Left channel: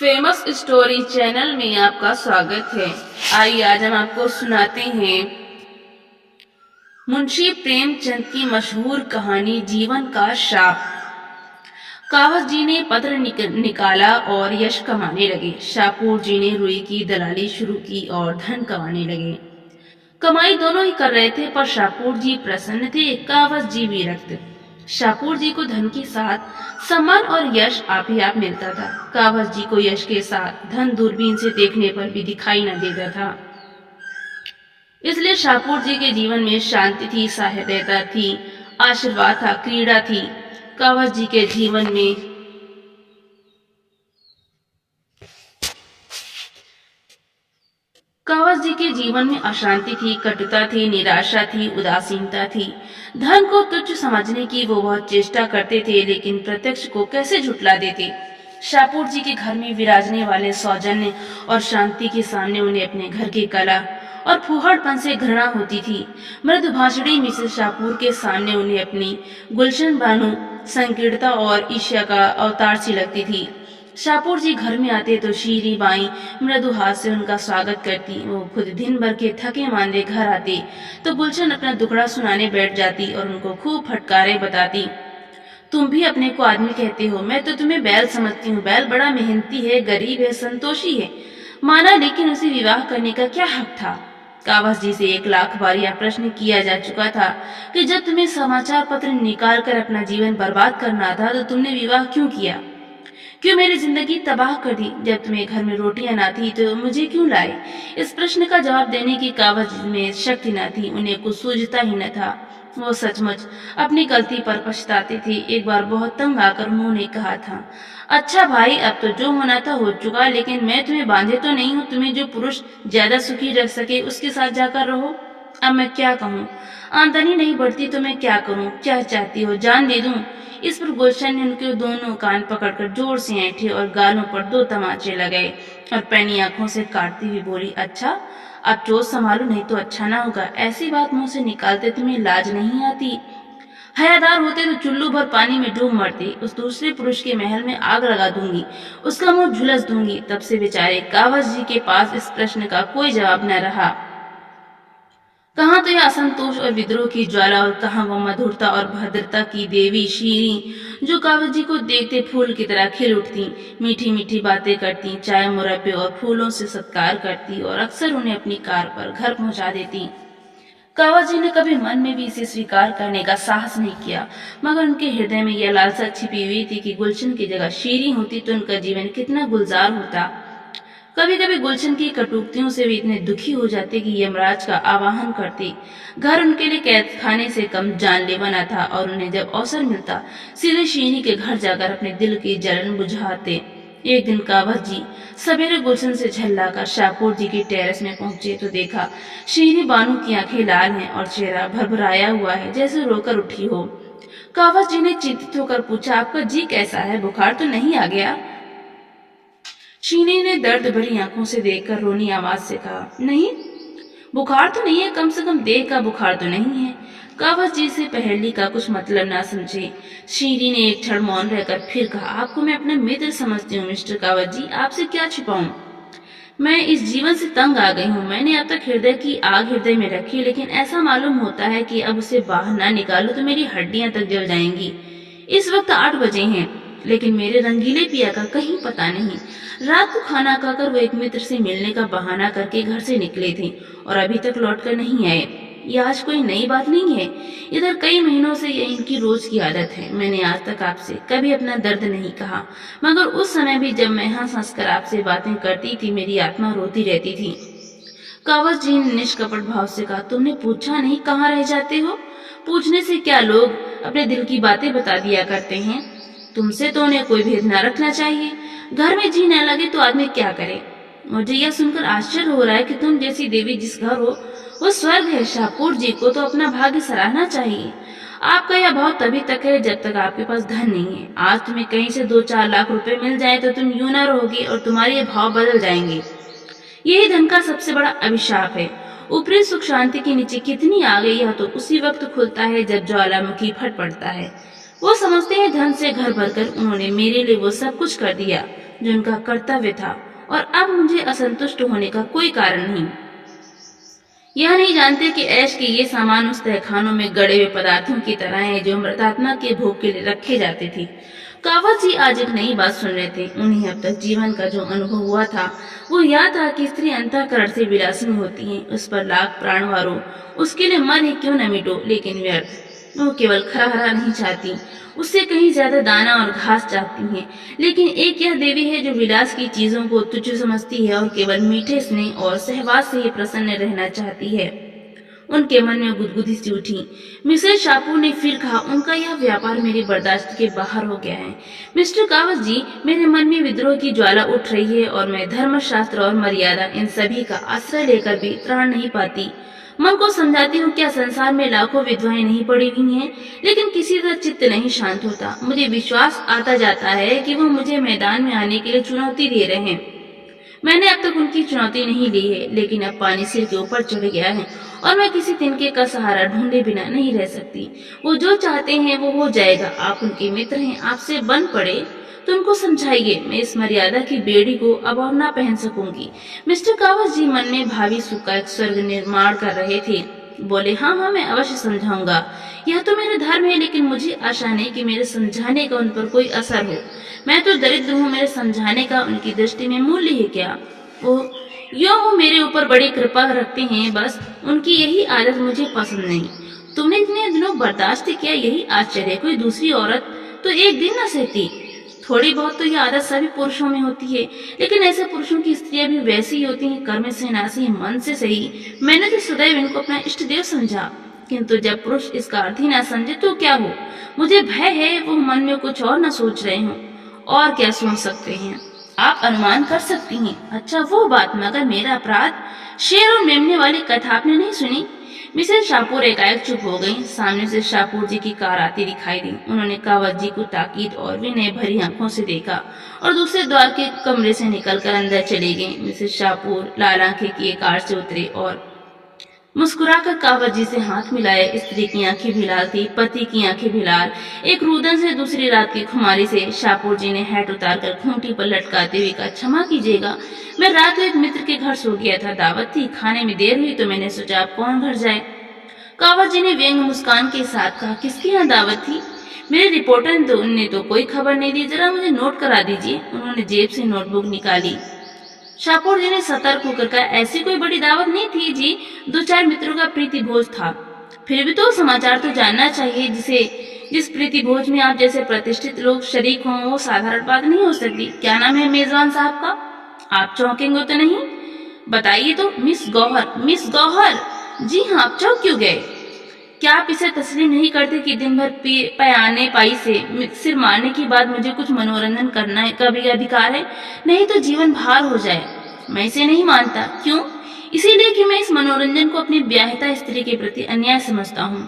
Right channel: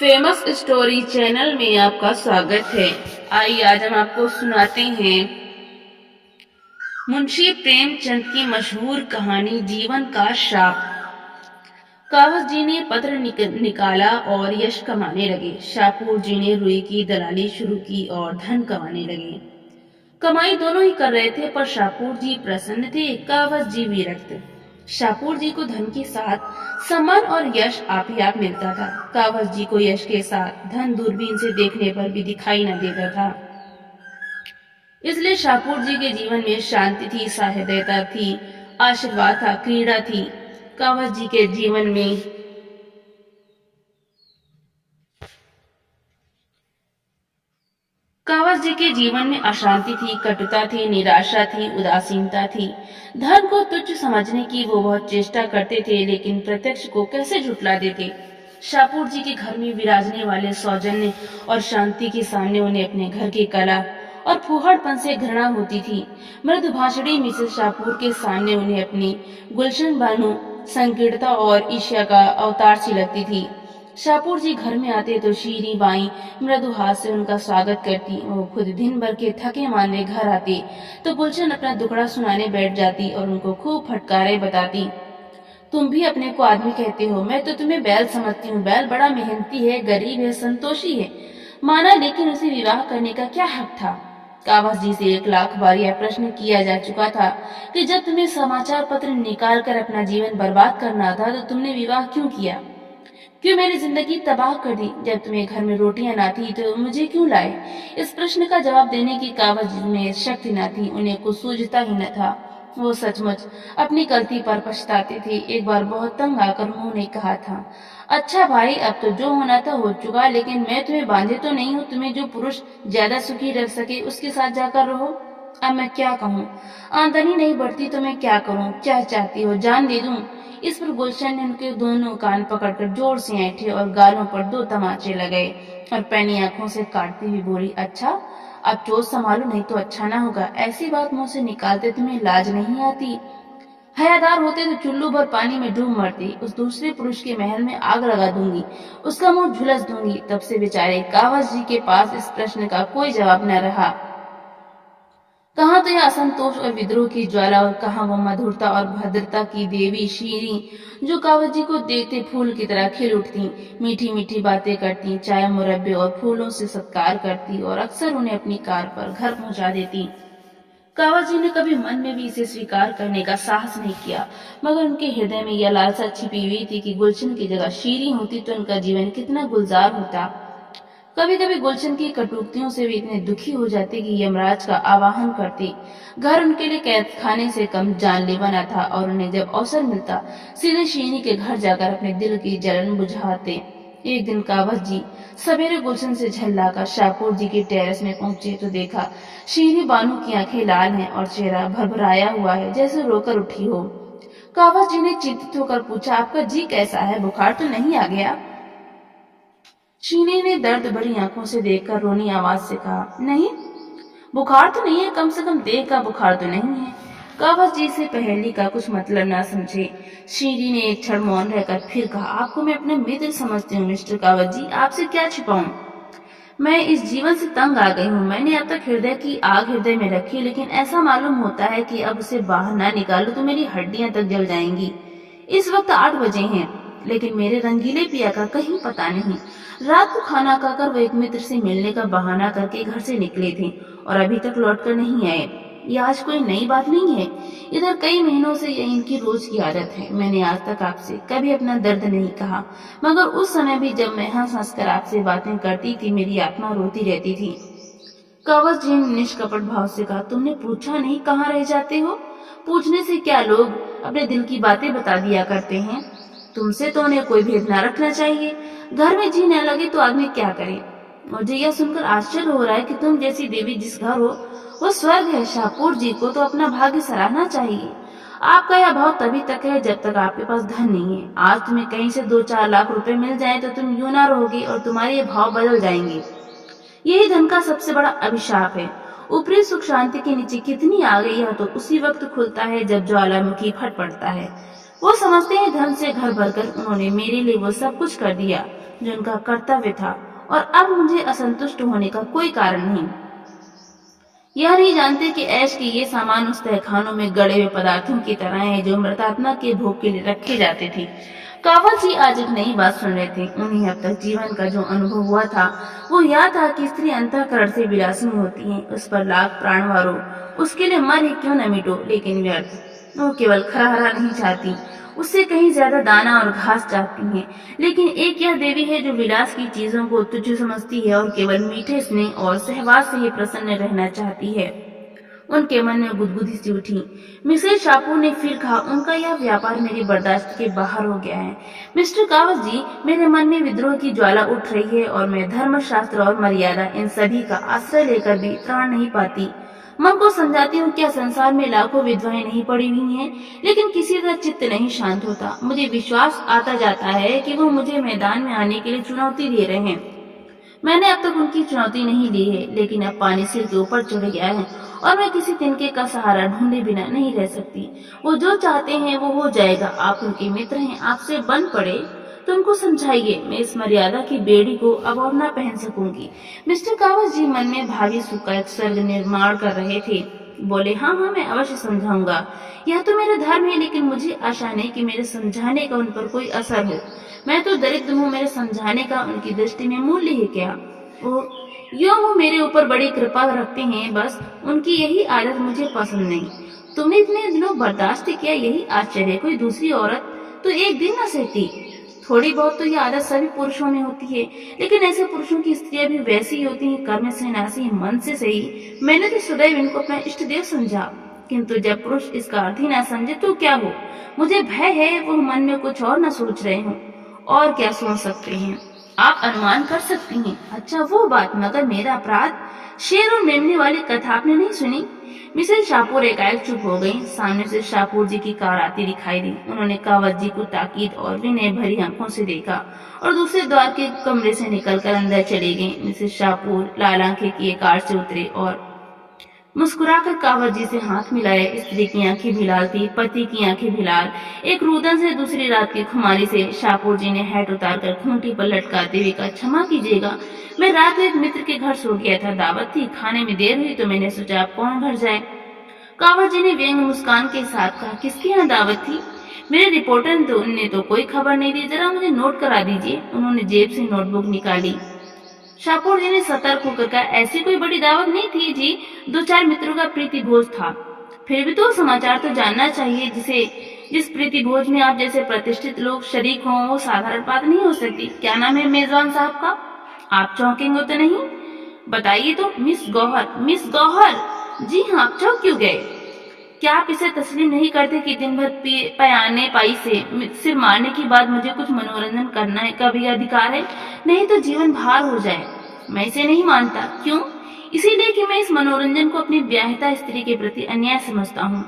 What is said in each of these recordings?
Famous story channel में आपका स्वागत है। आइए आज हम आपको सुनाते हैं मुंशी प्रेमचंद की मशहूर कहानी जीवन का श्राप। कावस जी ने पत्र निकाला और यश कमाने लगे। शाहपुर जी ने रुई की दलाली शुरू की और धन कमाने लगे। कमाई दोनों ही कर रहे थे, पर शाहपुर जी प्रसन्न थे, कावस जी विरक्त। शाहपुर जी को धन के साथ सम्मान और यश आप ही आप मिलता था। कावस जी को यश के साथ धन दूरबीन से देखने पर भी दिखाई न देता था। इसलिए शाहपुर जी के जीवन में शांति थी, सहृदयता थी, आशीर्वाद था, क्रीड़ा थी। कावस जी के जीवन में कावस जी के जीवन में अशांति थी, कटुता थी, निराशा थी, उदासीनता थी। धन को तुच्छ समझने की वो बहुत चेष्टा करते थे, लेकिन प्रत्यक्ष को कैसे झुटला देते। शाहपुर जी के घर में विराजने वाले सौजन्य और शांति के सामने उन्हें अपने घर की कला और फूहड़पन से घृणा होती थी। मृदुभाषणी मिसेस शाहपुर के सामने उन्हें अपनी गुलशन बानो संकीर्णता और ईर्ष्या का अवतार सी लगती थी। शाहपुर जी घर में आते तो शीरी बाई मृदु हाथ से उनका स्वागत करती। वो खुद दिन भर के थके मांदे घर आते तो गुलशन अपना दुखड़ा सुनाने बैठ जाती और उनको खूब फटकारे बताती। तुम भी अपने को आदमी कहते हो, मैं तो तुम्हें बैल समझती हूँ। बैल बड़ा मेहनती है, गरीब है, संतोषी है, माना, लेकिन उसे विवाह करने का क्या हक था। कावस जी से 1,00,000 बार यह प्रश्न किया जा चुका था कि जब तुम्हें समाचार पत्र निकाल कर अपना जीवन बर्बाद करना था तो तुमने विवाह क्यों किया, क्यों मेरी जिंदगी तबाह कर दी। जब तुम्हें घर में रोटियां ना थी तो मुझे क्यों लाए। इस प्रश्न का जवाब देने की कावस में शक्ति न थी, उन्हें कुछ सूझता ही न था। वो सचमुच अपनी गलती पर पछताते थे। एक बार बहुत तंग आकर उन्होंने कहा था, अच्छा भाई, अब तो जो होना था हो चुका, लेकिन मैं तुम्हें बांधे तो नहीं हूँ। तुम्हें जो पुरुष ज्यादा सुखी रह सके उसके साथ जाकर रहो। अब मैं क्या कहूँ, आमदनी नहीं बढ़ती तो मैं क्या करूँ। क्या चाहती हो, जान दे दूं। इस पर गुलशन ने उनके दोनों कान पकड़कर जोर से ऐंठे और गालों पर 2 तमाचे लगाए और पैनी आंखों से काटती हुई बोली, अच्छा अब चोट संभालो, नहीं तो अच्छा ना होगा। ऐसी बात मुंह से निकालते तुम्हें लाज नहीं आती। हयादार होते तो चुल्लू भर पानी में डूब मरती। उस दूसरे पुरुष के महल में आग लगा दूंगी, उसका मुंह झुलस दूंगी। तब से बेचारे कावस जी के पास इस प्रश्न का कोई जवाब न रहा। कहाँ तो यह असंतोष और विद्रोह की ज्वाला, और कहाँ वह मधुरता और भद्रता की देवी शीरी, जो कावस जी को देखते फूल की तरह खिल उठती, मीठी मीठी बातें करती, चाय मुरब्बे और फूलों से सत्कार करती और अक्सर उन्हें अपनी कार पर घर पहुंचा देती। कावस जी ने कभी मन में भी इसे स्वीकार करने का साहस नहीं किया, मगर उनके हृदय में यह लालसा छिपी हुई थी कि गुलशन की जगह शीरी होती तो उनका जीवन कितना गुलजार होता। कभी कभी गुलशन की कटुक्तियों से भी इतने दुखी हो जाते कि यमराज का आवाहन करते। घर उनके लिए कैद खाने से कम जानलेवा न था, और उन्हें जब अवसर मिलता सीधे शीरी के घर जाकर अपने दिल की जलन बुझाते। एक दिन कावस जी सवेरे गुलशन से झल्लाकर शाहपुर जी की टेरेस में पहुंचे तो देखा शीरी बानू की आंखें लाल हैं और चेहरा भरभराया हुआ है, जैसे रोकर उठी हो। कावस जी ने चिंतित होकर पूछा, आपका जी कैसा है, बुखार तो नहीं आ गया। शीनी ने दर्द भरी आंखों से देखकर रोनी आवाज से कहा, नहीं, बुखार तो नहीं है, कम से कम देह का बुखार तो नहीं है। कावस जी से पहेली का कुछ मतलब ना समझे शीरी ने एक क्षण मौन रहकर फिर कहा, आपको मैं अपना मित्र समझती हूँ मिस्टर कावस जी, आपसे क्या छिपाऊं। मैं इस जीवन से तंग आ गई हूँ। मैंने अब तक हृदय की आग हृदय में रखी, लेकिन ऐसा मालूम होता है कि अब उसे बाहर ना निकालूं तो मेरी हड्डियां तक जल जाएंगी। इस वक्त 8 बजे हैं, लेकिन मेरे रंगीले पिया का कहीं पता नहीं। रात को खाना खाकर वो एक मित्र से मिलने का बहाना करके घर से निकले थे और अभी तक लौटकर नहीं आए। ये आज कोई नई बात नहीं है, इधर कई महीनों से ये इनकी रोज की आदत है। मैंने आज तक आपसे कभी अपना दर्द नहीं कहा, मगर उस समय भी जब मैं हंस हंस कर आपसे बातें करती थी मेरी आत्मा रोती रहती थी। कावस जी ने निष्कपट भाव से कहा, तुमने पूछा नहीं कहाँ रह जाते हो। पूछने से क्या, लोग अपने दिल की बातें बता दिया करते हैं। तुमसे तो उन्हें कोई भेद न रखना चाहिए। घर में जी न लगे तो आदमी क्या करे। मुझे यह सुनकर आश्चर्य हो रहा है कि तुम जैसी देवी जिस घर हो वो स्वर्ग है। शाहपुर जी को तो अपना भाग्य सराहना चाहिए। आपका यह भाव तभी तक है जब तक आपके पास धन नहीं है। आज तुम्हें कहीं से 2-4 लाख रुपए मिल जाए तो तुम यूं ना रहोगे और तुम्हारे ये भाव बदल जाएंगे। यही धन का सबसे बड़ा अभिशाप है। ऊपरी सुख शांति के नीचे कितनी आ गई, यह तो उसी वक्त खुलता है जब ज्वालामुखी फट पड़ता है। वो समझते हैं धन से घर भरकर उन्होंने मेरे लिए वो सब कुछ कर दिया जो उनका कर्तव्य था, और अब मुझे असंतुष्ट होने का कोई कारण नहीं। यह नहीं जानते कि ऐश के ये सामान उस तहखानों में गड़े हुए पदार्थों की तरह हैं जो मृतात्मा के भोग के लिए रखे जाते थे। कावत जी आज एक नई बात सुन रहे थे। उन्हें अब तक जीवन का जो अनुभव हुआ था वो यह था कि स्त्री अंतःकरण से विलासिनी होती है। उस पर लाख प्राण वारो, उसके लिए मर ही क्यों न मिटो, लेकिन व्यर्थ। वो केवल खरा हरा नहीं चाहती, उससे कहीं ज्यादा दाना और घास चाहती हैं। लेकिन एक यह देवी है जो विलास की चीजों को तुच्छ समझती है और केवल मीठे स्नेह और सहवास से ही प्रसन्न रहना चाहती है। उनके मन में गुदगुदी सी उठी। मिसेस शापू ने फिर कहा, उनका यह व्यापार मेरी बर्दाश्त के बाहर हो गया है। मिस्टर कावत जी, मेरे मन में विद्रोह की ज्वाला उठ रही है और मैं धर्मशास्त्र और मर्यादा इन सभी का आश्रय लेकर भी त्राण नहीं पाती। मन को समझाती हूँ क्या संसार में लाखों विधवाएं नहीं पड़ी हुई हैं, लेकिन किसी तरह चित्त नहीं शांत होता। मुझे विश्वास आता जाता है कि वो मुझे मैदान में आने के लिए चुनौती दे रहे हैं। मैंने अब तक उनकी चुनौती नहीं ली है, लेकिन अब पानी सिर के ऊपर चढ़ गया है और मैं किसी तिनके का सहारा ढूंढे बिना नहीं रह सकती। वो जो चाहते हैं वो हो जाएगा। आप उनके मित्र हैं, आपसे बन पड़े तो उनको समझाइए। मैं इस मर्यादा की बेड़ी को अब और न पहन सकूंगी। मिस्टर कावत जी मन में भावी सुख का एक स्वर्ग निर्माण कर रहे थे। बोले, हाँ हाँ, मैं अवश्य समझाऊंगा। यह तो मेरा धर्म है, लेकिन मुझे आशा नहीं कि मेरे समझाने का उन पर कोई असर हो। मैं तो दरिद्र हूँ, मेरे समझाने का उनकी दृष्टि में मूल्य है क्या? वो मेरे ऊपर बड़ी कृपा रखते हैं, बस उनकी यही आदत मुझे पसंद नहीं। तुमने इतने दिनों बर्दाश्त किया, यही आश्चर्य। कोई दूसरी औरत तो एक दिन न सहती। थोड़ी बहुत तो यह आदत सभी पुरुषों में होती है, लेकिन ऐसे पुरुषों की स्त्रियां भी वैसी ही होती हैं, कर्म से ना सही, मन से सही। मैंने तो सदैव इनको अपना इष्ट देव समझा, किंतु जब पुरुष इसका अर्थ ही ना समझे तो क्या हो? मुझे भय है वो मन में कुछ और न सोच रहे हों। और क्या सोच सकते हैं? आप अनुमान कर सकती हैं। अच्छा वो बात, मगर मेरा अपराध? शेर और मेमने वाली कथा आपने नहीं सुनी? मिसेस शापूर एकाएक चुप हो गई। सामने से शापूर जी की कार आती दिखाई दी। उन्होंने कावत जी को ताकीद और विनय भरी आंखों से देखा और दूसरे द्वार के कमरे से निकलकर अंदर चली गई। मिसेस शापूर लाल आंखें किए कार से उतरे और मुस्कुराकर कावत जी से हाथ मिलाए। स्त्री की आंखें भी लाल थी, पति की आंखें भी लाल। एक रुदन से दूसरी रात की खुमारी से शापूर जी ने हैट उतारकर खूंटी पर लटकाते हुए कहा, क्षमा कीजिएगा, मैं रात को एक मित्र के घर सो गया था। दावत थी, खाने में देर हुई तो मैंने सोचा आप कौन घर जाए। कावत जी ने व्यंग मुस्कान के साथ कहा, किसके यहाँ दावत थी? मेरे रिपोर्टर ने तो कोई खबर नहीं दी, जरा मुझे नोट करा दीजिए। उन्होंने जेब से नोटबुक निकाली। शापूर जी ने सतर्क होकर कहा, ऐसी कोई बड़ी दावत नहीं थी जी, 2-4 मित्रों का प्रीति भोज था। फिर भी तो समाचार तो जानना चाहिए। जिस प्रीति भोज में आप जैसे प्रतिष्ठित लोग शरीक हों वो साधारण बात नहीं हो सकती। क्या नाम है मेजबान साहब का? आप चौंकेंगे तो नहीं? बताइए तो। मिस गौहर। मिस गौहर? जी हाँ, आप चौंक क्यों गए? क्या आप इसे तस्लीम नहीं करते कि दिन भर पयाने पाई से सिर मारने के बाद मुझे कुछ मनोरंजन करना है का भी अधिकार है? नहीं तो जीवन भार हो जाए। मैं इसे नहीं मानता। क्यों? इसीलिए कि मैं इस मनोरंजन को अपनी ब्याहिता स्त्री के प्रति अन्याय समझता हूँ।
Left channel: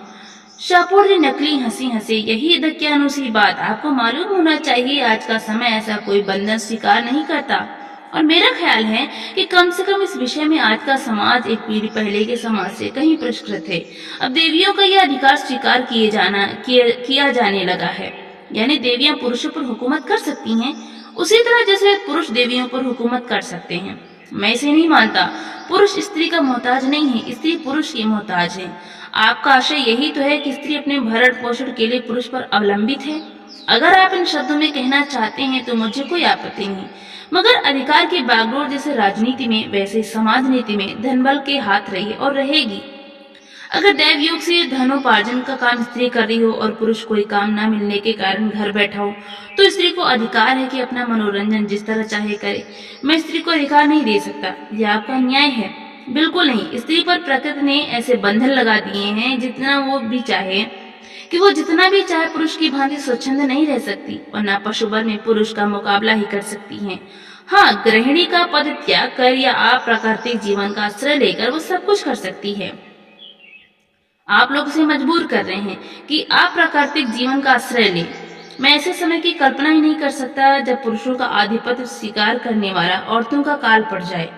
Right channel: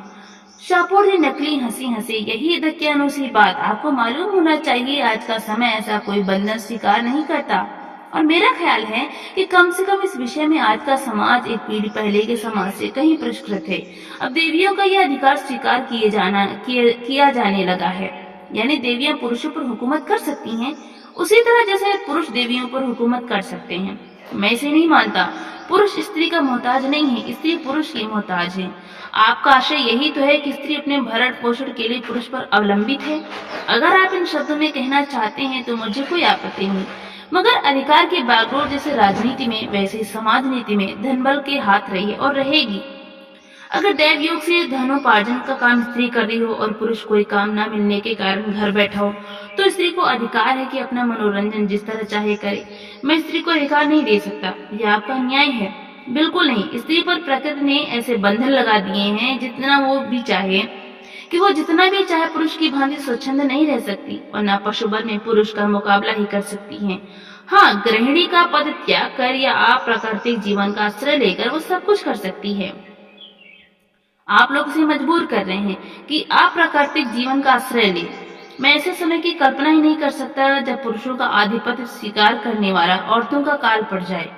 शापूर जी नकली हंसी हंसे। यही दक्यानुसी बात। आपको मालूम होना चाहिए आज का समय ऐसा कोई बंधन स्वीकार नहीं करता, और मेरा ख्याल है कि कम से कम इस विषय में आज का समाज एक पीढ़ी पहले के समाज से कहीं परिष्कृत है। अब देवियों का यह अधिकार स्वीकार किया जाने लगा है, यानी देवियां पुरुषों पर हुकूमत कर सकती हैं उसी तरह जैसे पुरुष देवियों पर हुकूमत कर सकते हैं। मैं इसे नहीं मानता। पुरुष स्त्री का मोहताज नहीं है, स्त्री पुरुष की मोहताज है। आपका आशय यही तो है कि स्त्री अपने भरण पोषण के लिए पुरुष पर अवलंबित है। अगर आप इन शब्दों में कहना चाहते हैं तो मुझे कोई आपत्ति नहीं, मगर अधिकार के बागडोर जैसे राजनीति में वैसे समाज नीति में धनबल के हाथ रही है और रहेगी। अगर दैव योग से धनोपार्जन का काम स्त्री कर रही हो और पुरुष कोई काम न मिलने के कारण घर बैठा हो, तो स्त्री को अधिकार है कि अपना मनोरंजन जिस तरह चाहे करे। मैं स्त्री को अधिकार नहीं दे सकता। यह आपका न्याय है? बिल्कुल नहीं। स्त्री पर प्रकृति ने ऐसे बंधन लगा दिए हैं जितना वो भी चाहे कि वो जितना भी चाहे पुरुष की भांति स्वच्छंद नहीं रह सकती, और न पशुबल में पुरुष का मुकाबला ही कर सकती हैं। हाँ, गृहिणी का पद त्याग कर या अप्राकृतिक जीवन का आश्रय लेकर वो सब कुछ कर सकती है। आप लोग उसे मजबूर कर रहे हैं कि अप्राकृतिक जीवन का आश्रय ले। मैं ऐसे समय की कल्पना ही नहीं कर सकता जब पुरुषों का आधिपत्य स्वीकार करने वाला औरतों का काल पड़ जाए।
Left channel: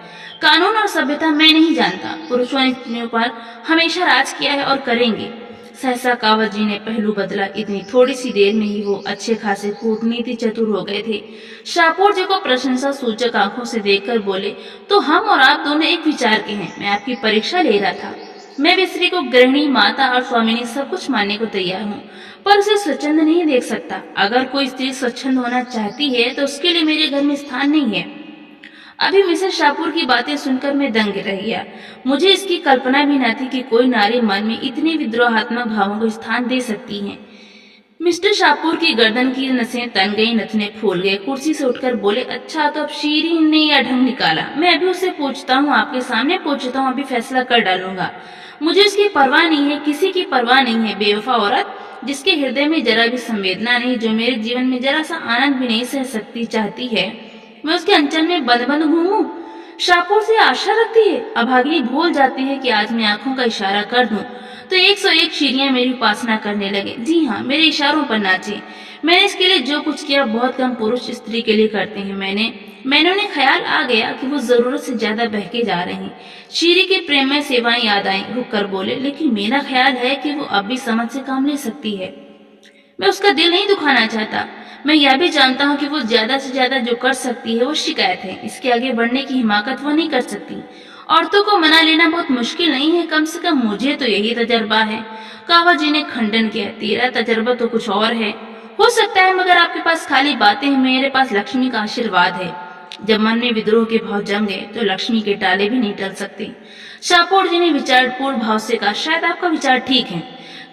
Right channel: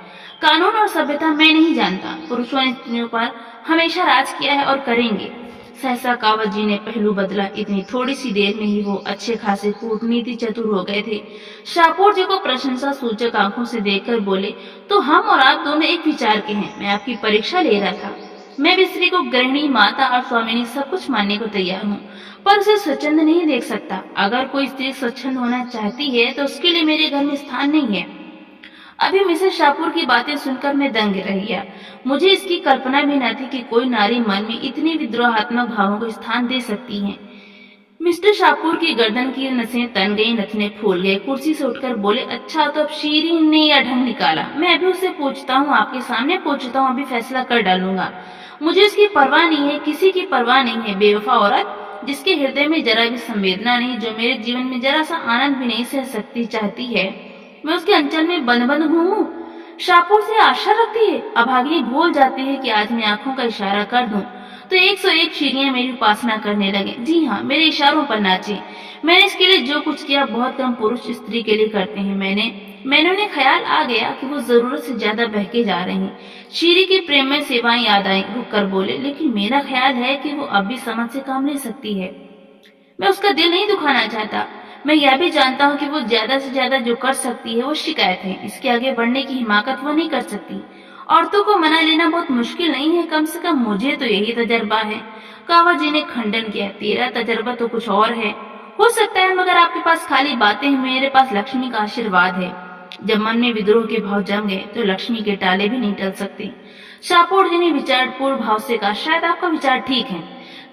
कानून और सभ्यता मैं नहीं जानता। पुरुषों ने स्त्रियों पर हमेशा राज किया है और करेंगे। सहसा कावत जी ने पहलू बदला। इतनी थोड़ी सी देर में ही वो अच्छे खासे कूटनीति चतुर हो गए थे। शाहपुर जी को प्रशंसा सूचक आंखों से देखकर बोले, तो हम और आप दोनों एक विचार के हैं। मैं आपकी परीक्षा ले रहा था। मैं भी स्त्री को गृहिणी, माता और स्वामिनी सब कुछ मानने को तैयार हूँ, पर उसे स्वच्छंद नहीं देख सकता। अगर कोई स्त्री स्वच्छंद होना चाहती है तो उसके लिए मेरे घर में स्थान नहीं है। अभी मिसेस शाहपुर की बातें सुनकर मैं दंग रह गया। मुझे इसकी कल्पना भी न थी कि कोई नारी मन में इतने विद्रोहात्मक भावों को स्थान दे सकती है। मिस्टर शाहपुर की गर्दन की नसें तन गई, नथने फूल गए। कुर्सी से उठकर बोले, अच्छा तो अब शीरीन ने यह ढंग निकाला। मैं अभी उससे पूछता हूँ, आपके सामने पूछता हूँ, अभी फैसला कर डालूंगा। मुझे उसकी परवाह नहीं है, किसी की परवाह नहीं है। बेवफा औरत, जिसके हृदय में जरा भी संवेदना नहीं, जो मेरे जीवन में जरा सा आनंद भी नहीं सह सकती, चाहती है मैं उसके अंचल में बंद बंद घूमूं। शाहपुर से आशा रखती है। अभागिनी भूल जाती है कि आज मैं आंखों का इशारा कर दूं तो 101 शीरियां मेरी उपासना करने लगे। जी हाँ, मेरे इशारों पर नाचे। मैंने इसके लिए जो कुछ किया बहुत कम पुरुष स्त्री के लिए करते हैं। मैंने उन्हें ख्याल आ गया कि वो जरूरत से ज्यादा बहके जा रहे हैं। शीरी की प्रेम में सेवाएं याद आई। रुक कर बोले, लेकिन मेरा ख्याल है कि वो अब भी समझ से काम ले सकती है। मैं उसका दिल नहीं दुखाना चाहता। मैं यह भी जानता हूँ कि वो ज्यादा से ज्यादा जो कर सकती है वो शिकायत है। इसके आगे बढ़ने की हिमाकत वो नहीं कर सकती। औरतों को मना लेना बहुत मुश्किल नहीं है, कम से कम मुझे तो यही तजर्बा है। कावत जी ने खंडन किया, तेरा तजर्बा तो कुछ और है। हो सकता है, मगर आपके पास खाली बातें हैं, मेरे पास लक्ष्मी का आशीर्वाद है। जब मन में विद्रोह के भाव जम गए तो लक्ष्मी के टाले भी नहीं टल सकते। शाहपुर जी ने विचारपूर्ण भाव से कहा, शायद आपका विचार ठीक है।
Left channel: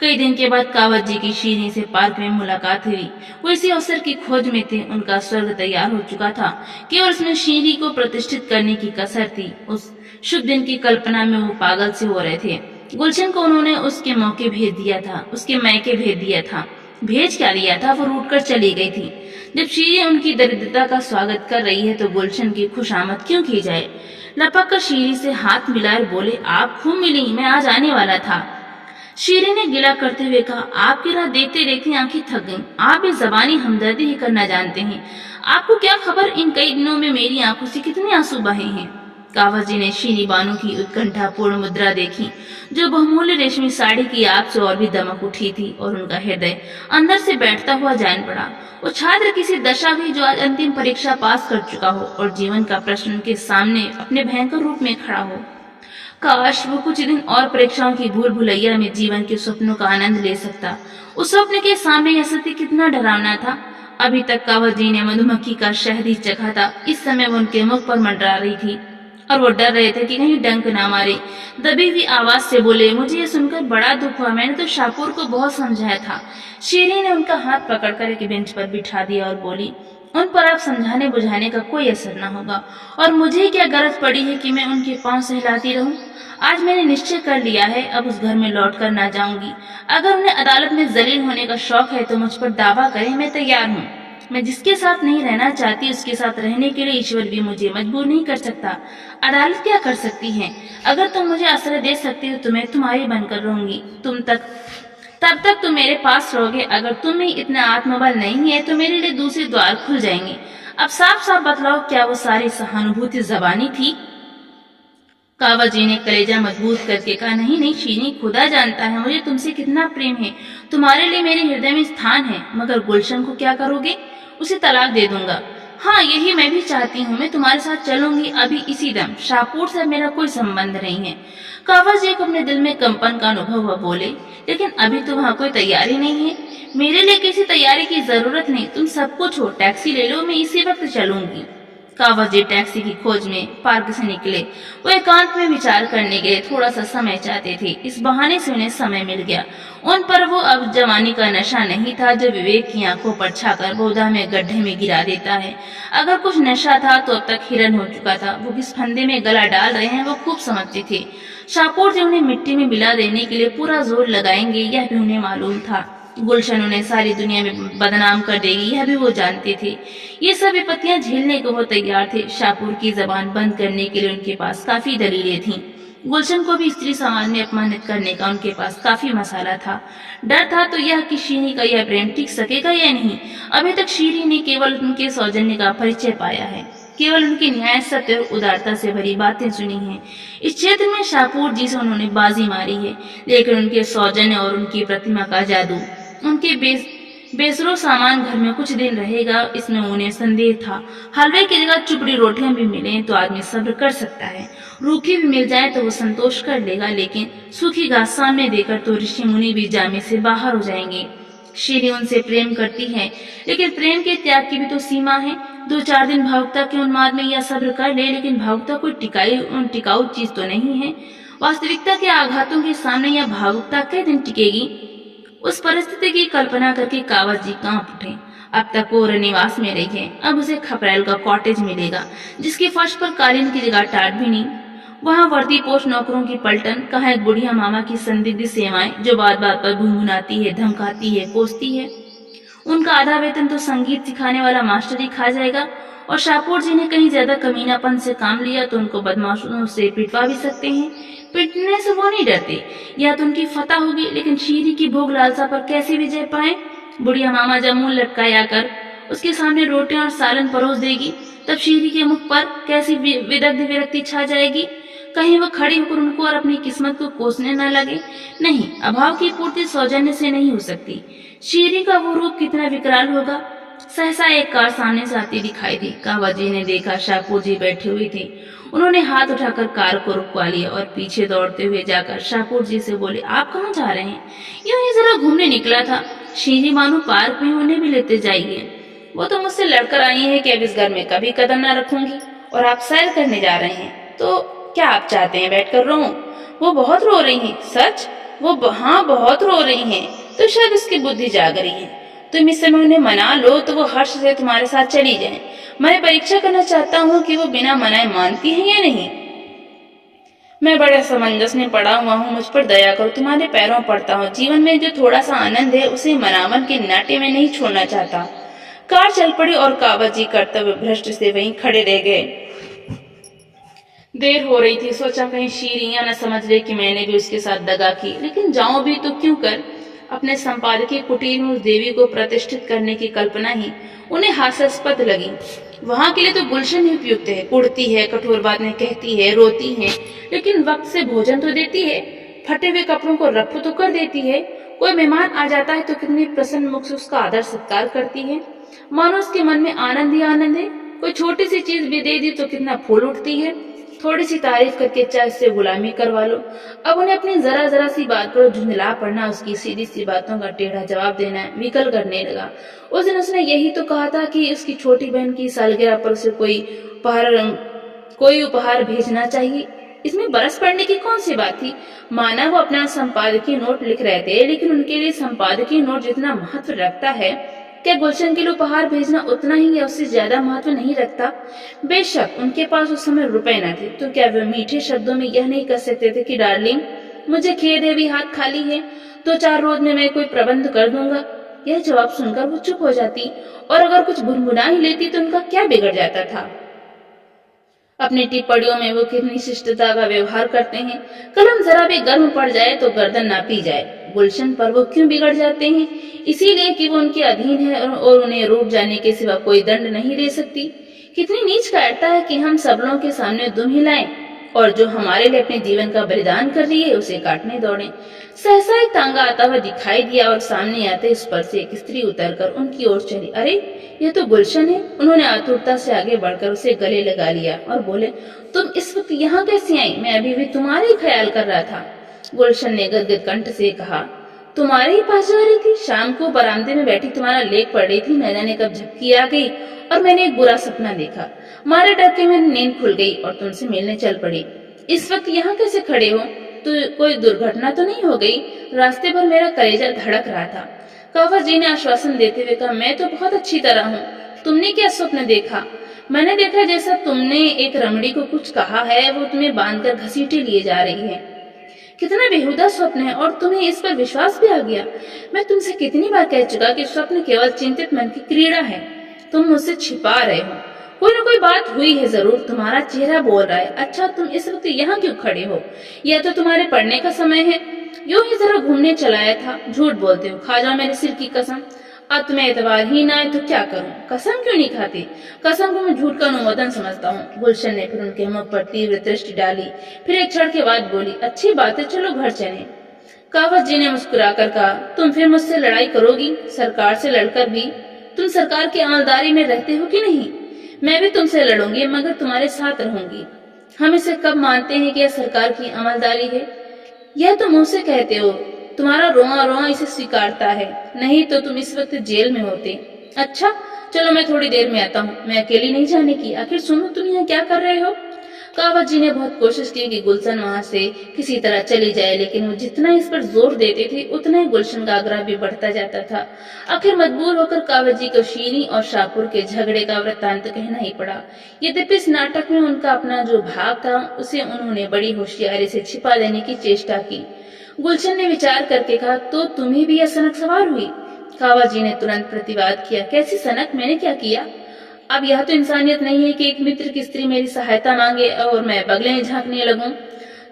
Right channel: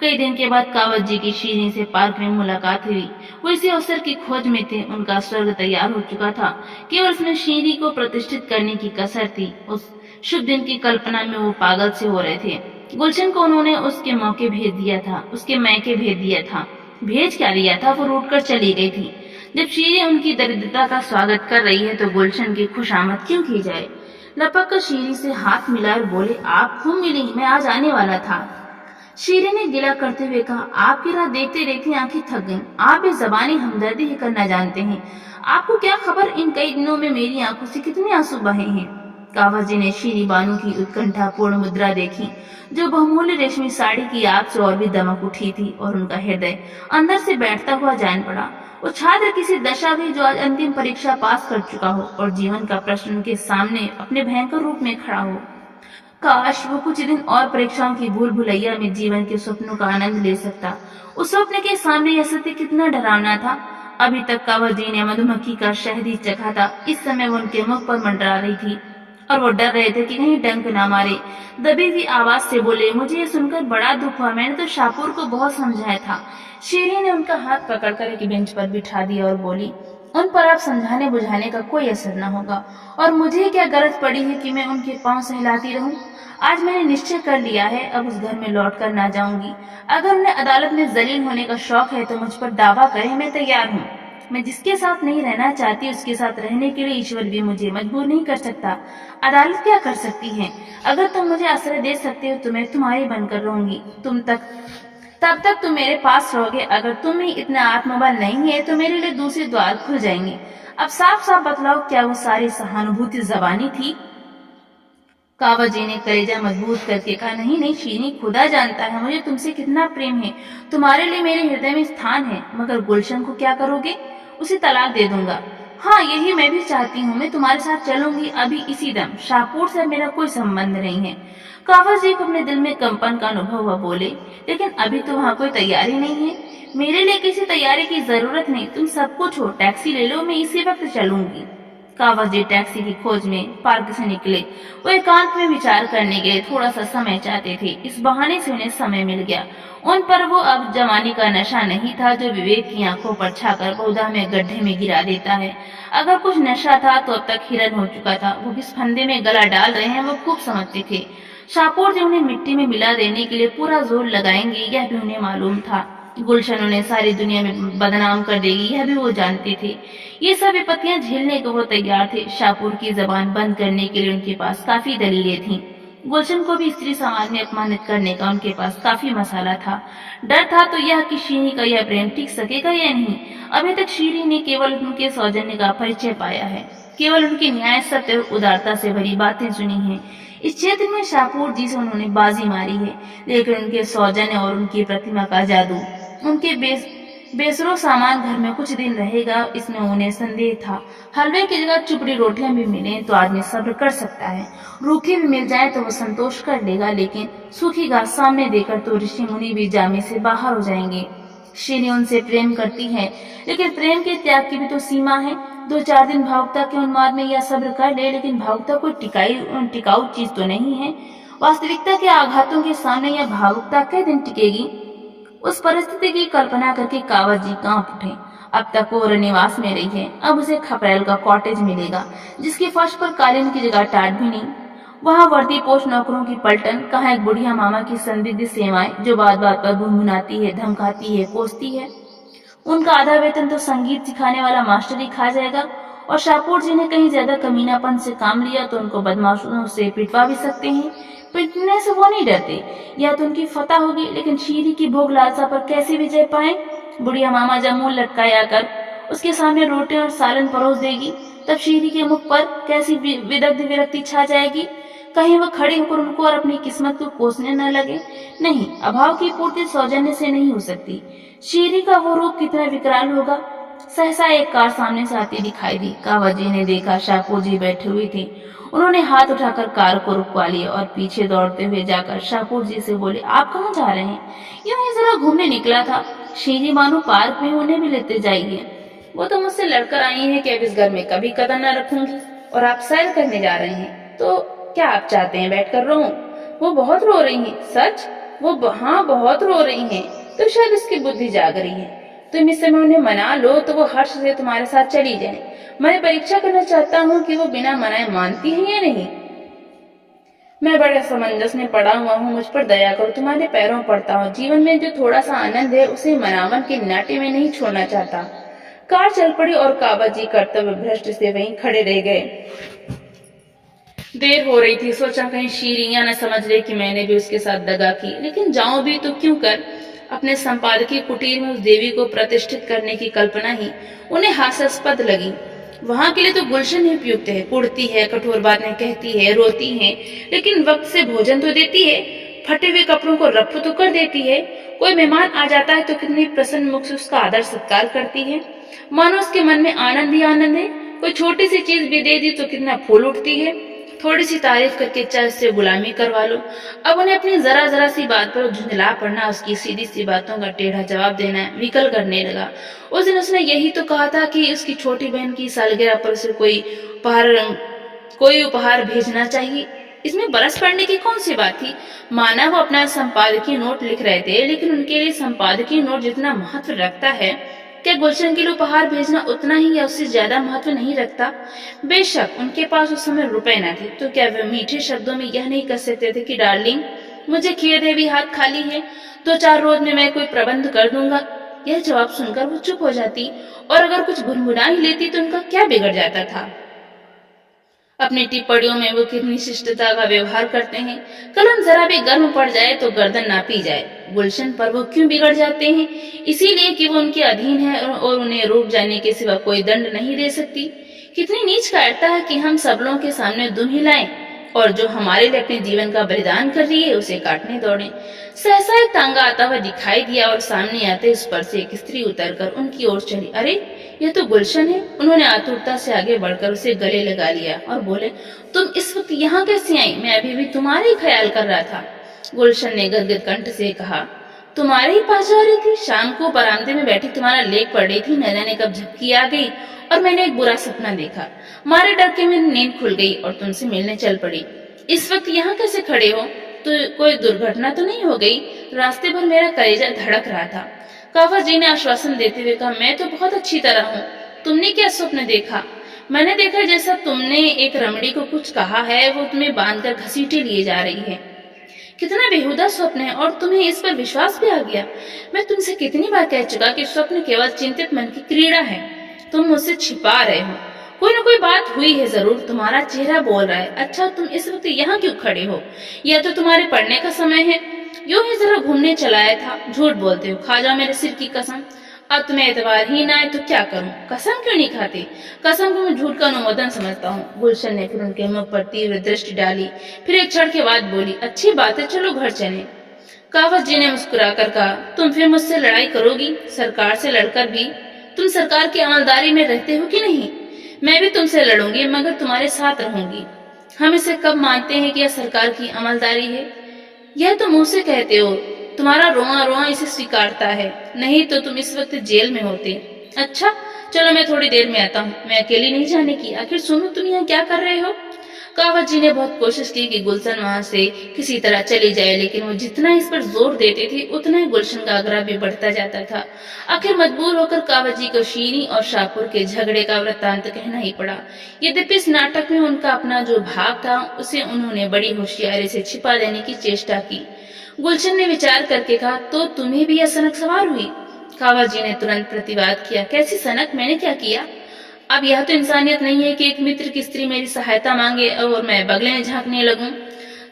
कई दिन के बाद कावत जी की शीरी से पार्क में मुलाकात हुई। वो इसी अवसर की खोज में थे। उनका स्वर्ग तैयार हो चुका था, केवल उसमें शीरी को प्रतिष्ठित करने की कसर थी। उस शुभ दिन की कल्पना में वो पागल से हो रहे थे। गुलशन को उन्होंने उसके मौके भेज दिया था, उसके मैके भेज दिया था। भेज क्या दिया था, वो रूठ कर चली गई थी। जब शीरी उनकी दरिद्रता का स्वागत कर रही है तो गुलशन की खुशामद क्यों की जाए। लपक कर शीरी से हाथ मिलाकर बोले, आप खूब मिली, मैं आज आने वाला था। शीरी ने गिला करते हुए कहा, आपकी राह देखते देखते आंखें थक गईं। आप भी जबानी हमदर्दी ही करना जानते हैं। आपको क्या खबर इन कई दिनों में मेरी आंखों से कितने आंसू बहे हैं। कावत जी ने शीनी बानू की उत्कंठापूर्ण मुद्रा देखी, जो बहुमूल्य रेशमी साड़ी की आग से और भी दमक उठी थी, और उनका हृदय अंदर से बैठता हुआ जान पड़ा। वो छात्र किसी दशा भी जो आज अंतिम परीक्षा पास कर चुका हो और जीवन का प्रश्न उनके सामने अपने भयंकर रूप में खड़ा हो। काश वो कुछ दिन और परीक्षाओं की भूल भुलैया में जीवन के स्वप्नों का आनंद ले सकता। उस स्वप्न के सामने यह सत्य कितना डरावना था। अभी तक कावत जी ने मधुमक्खी का शहद ही चखा था। इस समय वो उनके मुख पर मंडरा रही थी और वो डर रहे थे कि कहीं डंक ना मारे। दबी हुई आवाज से बोले, मुझे ये सुनकर बड़ा दुख हुआ। मैंने तो शाहपुर को बहुत समझाया था। शीरी ने उनका हाथ पकड़कर एक बेंच पर बिठा दिया और बोली, उन पर आप समझाने बुझाने का कोई असर न होगा, और मुझे क्या गरज पड़ी है कि मैं उनके पांव सहलाती रहूं। आज मैंने निश्चय कर लिया है, अब उस घर में लौट कर ना जाऊंगी। अगर उन्हें अदालत में जलील होने का शौक है तो मुझ पर दावा करें, मैं तैयार हूँ। मैं जिसके साथ नहीं रहना चाहती उसके साथ रहने के लिए ईश्वर भी मुझे मजबूर नहीं कर सकता। अदालत क्या कर सकती है। अगर तुम मुझे आश्रय दे सकते हो तो मैं तुम्हारी बनकर रहूंगी। तब तक तुम मेरे पास रहोगे। अगर तुम ही इतना आत्मबल नहीं है तो मेरे लिए दूसरे द्वार खुल जाएंगे। अब साफ साफ बतलाओ, क्या वो सारी सहानुभूति जबानी थी। कावत जी ने कलेजा मजबूत करके कहा, नहीं नहीं शीनी, खुदा जानता है मुझे तुमसे कितना प्रेम है। तुम्हारे लिए मेरे हृदय में स्थान है। मगर गुलशन को क्या करोगे। उसे तलाक दे दूंगा। हाँ, यही मैं भी चाहती हूँ। मैं तुम्हारे साथ चलूंगी अभी इसी दम। शाहपुर से मेरा कोई संबंध नहीं है। कावत जी को अपने दिल में कंपन का अनुभव हुआ। बोले, लेकिन अभी तो वहाँ कोई तैयारी नहीं है। मेरे लिए किसी तैयारी की जरूरत नहीं। तुम सब कुछ हो, टैक्सी ले लो, मैं इसी वक्त चलूंगी। कावत जी टैक्सी की खोज में पार्क से निकले। वो एकांत में विचार करने के लिए थोड़ा सा समय चाहते थे। इस बहाने से उन्हें समय मिल गया। उन पर वो अब जवानी का नशा नहीं था जो विवेक की आंखों पर छाकर बहुधा में गड्ढे में गिरा देता है। अगर कुछ नशा था तो अब तक हिरन हो चुका था। वो किस फंदे में गला डाल रहे हैं वो खूब समझते थे। शाहपुर जी उन्हें मिट्टी में मिला देने के लिए पूरा जोर लगाएंगे, यह भी उन्हें मालूम था। गुलशन उन्हें सारी दुनिया में बदनाम कर देगी, यह भी वो जानते थे। ये सब विपत्तियां झेलने को वो तैयार थे। शाहपुर की जबान बंद करने के लिए उनके पास काफी दलीलें थीं। गुलशन को भी स्त्री समाज में अपमानित करने का उनके पास काफी मसाला था। डर था तो यह कि शीरी का यह प्रेम टिक सकेगा या नहीं। अभी तक शीरी ने केवल उनके सौजन्य का परिचय पाया है, केवल उनकी न्याय, सत्य और उदारता से भरी बातें सुनी हैं। इस क्षेत्र में शाहपुर जी से उन्होंने बाजी मारी है, लेकिन उनके सौजन्य और उनकी प्रतिमा का जादू, उनके बेसरो सामान घर में कुछ दिन रहेगा, इसमें उन्हें संदेह था। हलवे की जगह चुपड़ी रोटियां भी मिले तो आदमी सब्र कर सकता है, रूखी भी मिल जाए तो वो संतोष कर लेगा, लेकिन सूखी घास सामने देकर तो ऋषि मुनि भी जामे से बाहर हो जाएंगे। शीरी उनसे प्रेम करती है, लेकिन प्रेम के त्याग की भी तो सीमा है। 2-4 दिन भावुकता के उन्माद में यह सब्र कर ले, लेकिन भावुकता कोई टिकाऊ चीज तो नहीं है। वास्तविकता के आघातों के सामने यह भावुकता कई दिन टिकेगी? उस परिस्थिति की कल्पना करके कावत जी कांप उठे। अब तक वो रनिवास में रही है, अब उसे खपरेल का कॉटेज मिलेगा, जिसके फर्श पर कालीन की जगह टाट भी नहीं। वहाँ वर्दी पोष नौकरों की पलटन, कहाँ एक बुढ़िया मामा की संदिग्ध सेवाएं जो बात बात पर भुनभुनाती है, धमकाती है, कोसती है। उनका आधा वेतन तो संगीत सिखाने वाला मास्टर ही खा जाएगा, और शाहपुर जी ने कहीं ज्यादा कमीनापन से काम लिया तो उनको बदमाशों से पिटवा भी सकते हैं। पिटने से वो नहीं डरते, या तो उनकी फतह होगी, लेकिन शीरी की भोग लालसा पर कैसे विजय पाए? बुढ़िया मामा जब मुंह लटकाया कर उसके सामने रोटियां और सालन परोस देगी, तब शीरी के मुख पर कैसी विदग्ध विरक्ति छा जाएगी। कहीं वह खड़े होकर उनको और अपनी किस्मत को कोसने न लगे। नहीं, अभाव की पूर्ति सौजन्य से नहीं हो सकती। शीरी का वो रूप कितना विकराल होगा। सहसा एक कार सामने से आती दिखाई दी। कावत जी ने देखा शाहपुर जी बैठे हुए थे। उन्होंने हाथ उठाकर कार को रुकवा लिया और पीछे दौड़ते हुए जाकर शाहपुर जी से बोले, आप कहाँ जा रहे हैं? यूं ही जरा घूमने निकला था। शीरी मानो पार्क में, उन्हें भी लेते जाइए। वो तो मुझसे लड़कर आई है कि अब इस घर में कभी कदम न रखूंगी, और आप सैर करने जा रहे हैं, तो क्या आप चाहते हैं बैठकर रोऊं? वो बहुत रो रही हैं। सच? वो हाँ बहुत रो रही हैं, तो शायद उसकी बुद्धि जाग रही है। तुम इस समय उन्हें मना लो तो वो हर्ष से तुम्हारे साथ चली जाएं। मैं परीक्षा करना चाहता हूँ कि वो बिना मनाए मानती हैं या नहीं। मैं बड़े समंजस में पड़ा हुआ हूँ, मुझ पर दया करो, तुम्हारे पैरों पड़ता हूँ। जीवन में जो थोड़ा सा आनंद है उसे मनावन के नाटे में नहीं छोड़ना चाहता। कार चल पड़ी और कावत जी कर्तव्य भ्रष्ट से वहीं खड़े रह गए। देर हो रही थी, सोचा कहीं शीरियां न समझ ले कि मैंने भी उसके साथ दगा की, लेकिन जाऊं भी तो क्यों कर। अपने संपादकीय कुटीर में उस देवी को प्रतिष्ठित करने की कल्पना ही उन्हें हास्यास्पद लगी। वहां के लिए तो गुलशन ही उपयुक्त है। कुड़ती है, कठोर बातें कहती है, रोती है, लेकिन वक्त से भोजन तो देती है। फटे हुए कपड़ों को रफ्फ तो कर देती है। कोई मेहमान आ जाता है तो कितनी प्रसन्न मुख से उसका आदर सत्कार करती है, मानो उसके मन में आनंद ही आनंद है। कोई छोटी सी चीज भी दे दी तो कितना फूल उठती है। थोड़ी सी तारीफ करके चाहे उससे गुलामी करवा लो। अब उन्हें अपनी जरा जरा सी बात पर झुंझला पड़ना, उसकी सीधी सी बातों का टेढ़ा जवाब देना विकल करने लगा। उस दिन उसने यही तो कहा था कि उसकी छोटी बहन की सालगिरह पर उसे कोई उपहार भेजना चाहिए। इसमें बरस पड़ने की कौन सी बात थी? माना वो अपना संपादकीय नोट लिख रहे थे, लेकिन उनके लिए संपादकीय नोट जितना महत्व रखता है, क्या गुलशन के लिए उपहार भेजना उतना ही या उससे ज्यादा महत्व नहीं रखता? बेशक उनके पास उस समय रुपए न थे, तो क्या वे मीठे शब्दों में यह नहीं कह सकते थे कि डार्लिंग, मुझे खेद है, भी हाथ खाली है, 2-4 रोज में मैं कोई प्रबंध कर दूंगा। यह जवाब सुनकर वो चुप हो जाती, और अगर कुछ भुनभुना ही लेती तो उनका क्या बिगड़ जाता था। अपनी टिप्पणियों में वो कितनी शिष्टता का व्यवहार करते हैं। कलम जरा भी गर्म पड़ जाए तो गर्दन नापी जाए। गुलशन पर वो क्यों बिगड़ जाते हैं? इसीलिए कि वो उनके अधीन है और उन्हें रूठ जाने के सिवा कोई दंड नहीं दे सकती। कितनी नीच कायरता है कि हम सब लोगों के सामने दुम हिलाएं, और जो हमारे लिए अपने जीवन का बलिदान कर रही है उसे काटने दौड़े। सहसा एक तांगा आता हुआ दिखाई दिया और सामने आते उस पर से एक स्त्री उतरकर उनकी ओर चली। अरे, यह तो गुलशन है। उन्होंने आतुरता से आगे बढ़कर उसे गले लगा लिया और बोले, तुम इस वक्त यहाँ कैसे आई? मैं अभी भी तुम्हारे ही ख्याल कर रहा था। गुलशन ने गदगद कंठ से कहा, तुम्हारे ही पास जा रही थी? शाम को बरामदे में बैठी तुम्हारा लेख पढ़ रही थी, न जाने कब झपकी आ गई और मैंने एक बुरा सपना देखा। मारे डर के मेरी नींद खुल गई और तुमसे मिलने चल पड़ी। इस वक्त यहाँ कैसे खड़े हो? तो कोई दुर्घटना तो नहीं हो गई? रास्ते भर मेरा कलेजा धड़क रहा था। कावत जी ने आश्वासन देते हुए कहा, मैं तो बहुत अच्छी तरह हूँ। तुमने क्या स्वप्न देखा? मैंने देखा जैसा तुमने एक रमणी को कुछ कहा है, वो तुम्हें बांधकर घसीटे लिए जा रही है। कितना बेहुदा स्वप्न है, और तुम्हें इस पर विश्वास भी आ गया। मैं तुमसे कितनी बार कह चुका कि स्वप्न केवल चिंतित मन की क्रीड़ा है। तुम मुझसे छिपा रहे हो। कोई न कोई बात हुई है जरूर। तुम्हारा चेहरा बोल रहा है। अच्छा, तुम इस वक्त यहाँ क्यों खड़े हो? यह तो तुम्हारे पढ़ने का समय है। यूं ही जरा घूमने चलाया था। झूठ बोलते हो, खा जाओ मेरे सिर की कसम। अब तुम्हें एतबार ही ना आए तो क्या करूं? कसम क्यों नहीं खाते? कसम को मैं झूठ का अनुमोदन समझता हूँ। गुलशन ने फिर उनके मुख पर तीव्र दृष्टि डाली, फिर एक क्षण के बाद बोली, अच्छी बात है, चलो घर चलें। कावस जी ने मुस्कुराकर कहा, तुम फिर मुझसे लड़ाई करोगी? सरकार से लड़कर भी तुम सरकार की अमलदारी में रहते हो कि नहीं? मैं भी तुमसे लड़ूंगी, मगर तुम्हारे साथ रहूंगी। हम इसे कब मानते हैं कि यह सरकार की अमलदारी है? यह तुम मुंह से कहते हो, तुम्हारा रोआ रोआ इसे स्वीकारता है, नहीं तो तुम इस वक्त जेल में होते। अच्छा, चलो मैं थोड़ी देर में आता हूँ। मैं अकेली नहीं जाने की, आखिर सुनो तुम यहाँ क्या कर रहे हो? कावत जी ने बहुत कोशिश की कि गुलशन वहां से किसी तरह चली जाए, लेकिन वो जितना इस पर जोर देते थे उतना ही गुलशन का आग्रह भी बढ़ता जाता था। आखिर मजबूर होकर कावत जी को शीरी और शाहपुर के झगड़े का वृत्तांत कहना ही पड़ा। यद्यपि इस नाटक में उनका अपना जो भाग था उसे उन्होंने बड़ी होशियारी से छिपा देने की चेष्टा की। गुलशन ने विचार करके कहा, तो तुम्हें भी यह सनक सवार हुई? कावत जी ने तुरंत प्रतिवाद किया, कैसी सनक, मैंने क्या किया? अब यह तो इंसानियत नहीं है कि एक मित्र की स्त्री मेरी सहायता मांगे और मैं बगले में झांकने लगूं।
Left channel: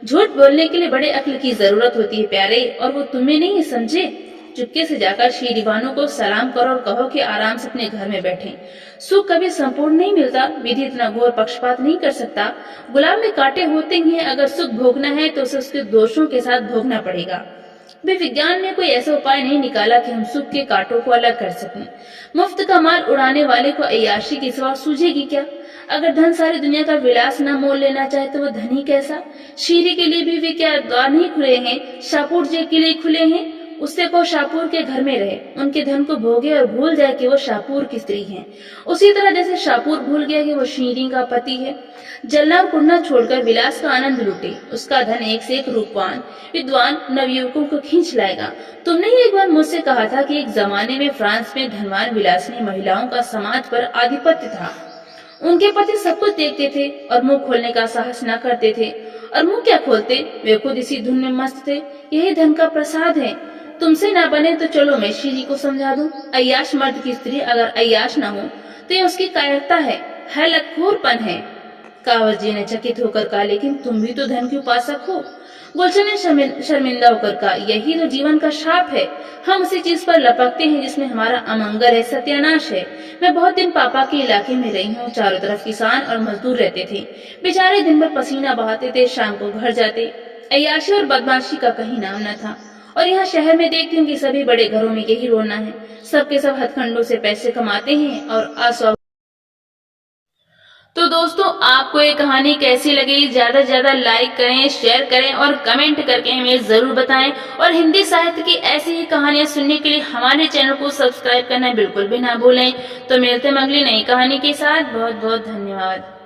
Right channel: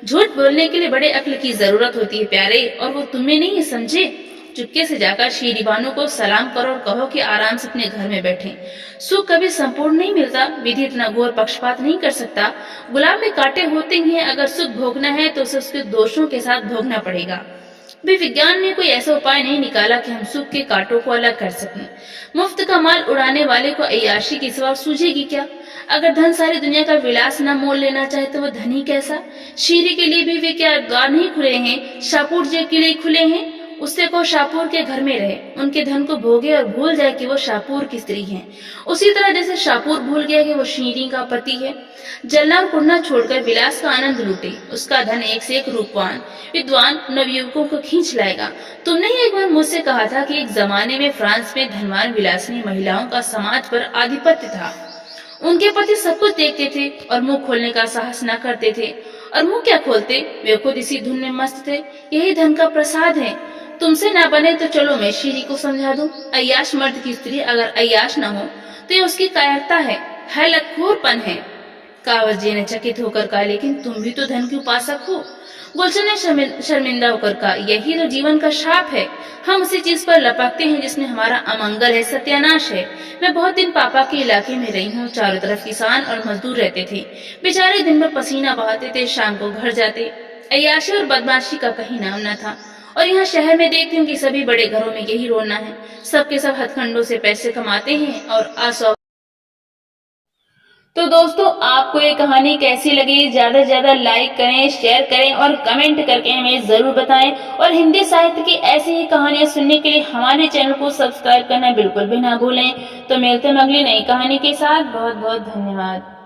झूठ बोलने के लिए बड़े अक्ल की जरूरत होती है प्यारे, और वो तुम्हें नहीं है, समझे? चुपके से जाकर शीरी बानो को सलाम करो और कहो कि आराम से अपने घर में बैठें। सुख कभी संपूर्ण नहीं मिलता, विधि इतना घोर पक्षपात नहीं कर सकता। गुलाब में कांटे होते ही हैं, अगर सुख भोगना है तो उसे उसके दोषों के साथ भोगना पड़ेगा। भी विज्ञान ने कोई ऐसा उपाय नहीं निकाला कि हम सुख के कांटों को अलग कर सकें। मुफ्त का माल उड़ाने वाले को अय्याशी की सिवा सूझेगी क्या? अगर धन सारी दुनिया का विलास न मोल लेना चाहे तो वो धनी कैसा? शीरी के लिए भी वे क्या द्वार नहीं खुले हैं? शाहपुर जी के लिए खुले हैं। उससे को शाहपुर के घर में रहे, उनके धन को भोगे और भूल जाए कि वो शाहपुर की स्त्री है, उसी तरह जैसे शाहपुर भूल गया कि वो शीरी का पति है। जलना और कुड़ना छोड़कर विलास का आनंद लूटे। उसका धन एक से एक रूपवान विद्वान नवयुवकों को खींच लाएगा। तुमने ही एक बार मुझसे कहा था कि एक जमाने में फ्रांस में धनवान विलासिनी महिलाओं का समाज पर आधिपत्य था। उनके पति सब कुछ देखते थे और मुंह खोलने का साहस न करते थे, और मुंह क्या खोलते, वे खुद इसी धुन में मस्त थे। यही धन का प्रसाद है। तुमसे ना बने तो चलो मैं शीरी को समझा दूं। अय्याश मर्द की स्त्री अगर अय्याश न हो तो ये उसकी कायरता है लतखोरपन है। कावत जी ने चकित होकर कहा, लेकिन तुम भी तो धन की उपासक हो। गुलशन ने शर्मिंदा होकर कहा, यही तो जीवन का शाप है। हम उसी चीज पर लपकते हैं जिसमें हमारा अमंगल है, सत्यानाश है। मैं बहुत दिन पापा के इलाके में रही हूँ। चारों तरफ किसान और मजदूर रहते थे। बेचारे दिन भर पसीना बहाते थे, शाम को घर जाते। अय्याशी और बदमाशी का कहीं नाम न था। और यहाँ शहर में देखती हूँ कि सभी बड़े घरों में यही रोना है। सबके सब हथकंडों से पैसे कमाते हैं और अस्वाभाविक। तो दोस्तों, आपको ये कहानी कैसी लगी? ज्यादा से ज्यादा लाइक करें, शेयर करें और कमेंट करके हमें जरूर बताएं। और हिंदी साहित्य की ऐसी ही कहानियां सुनने के लिए हमारे चैनल को सब्सक्राइब करना बिल्कुल भी ना भूलें। तो मिलते हैं अगली नई कहानी के साथ। बहुत बहुत धन्यवाद।